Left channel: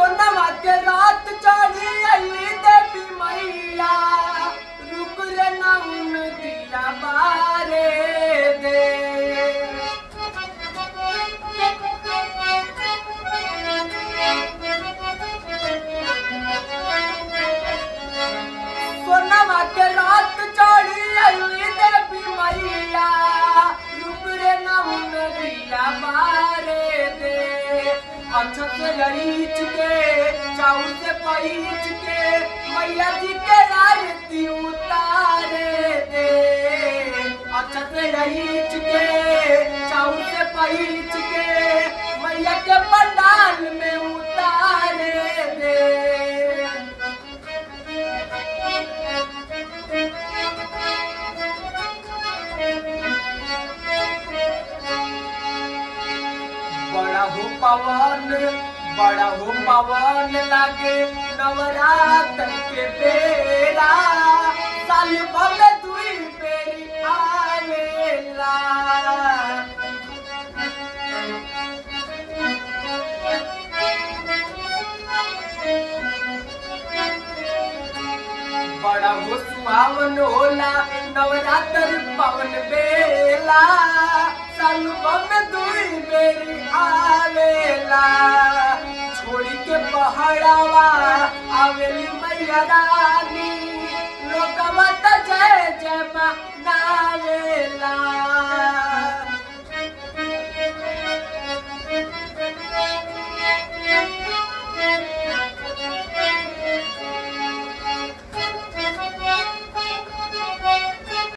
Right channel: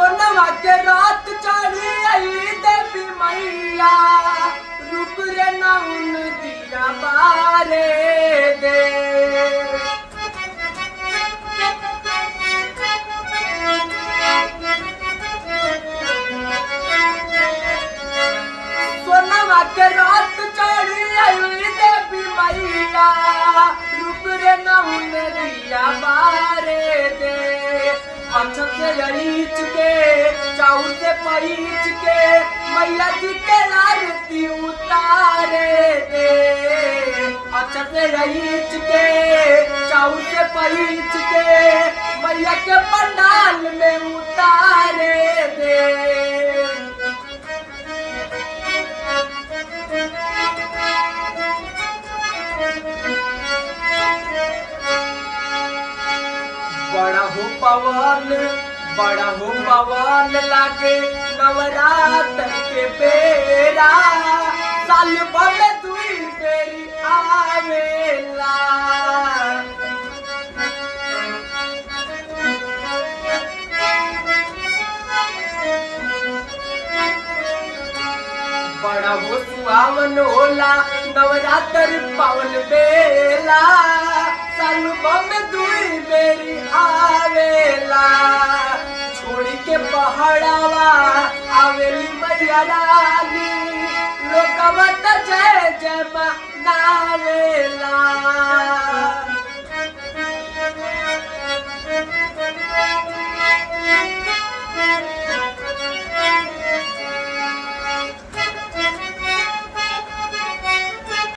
सोनवा के रात चढ़ी आई देवी मैया रुक रे नौन दिया बारे दे सोनवा के रात चढ़ी आई देवी मैया रुक रे नौन दिया बारे दे अच्छा से रईच के चाउर से पईच के मैया जी के आरती उतारे दे अच्छा से रईच के चाउर से पईच के मैया के पंडाल में उतारे दे बड़ा हो पवन लागे नवरात्र के बेरा साल भर दुई बेरी आवेला बड़ा हो सुहावन होला नवरात्र पावन बेला साल भर दुई बेरी आवेला छोड़ी के पहाड़वा आवेली मैया रानी लोकवा त जय जय मनावेला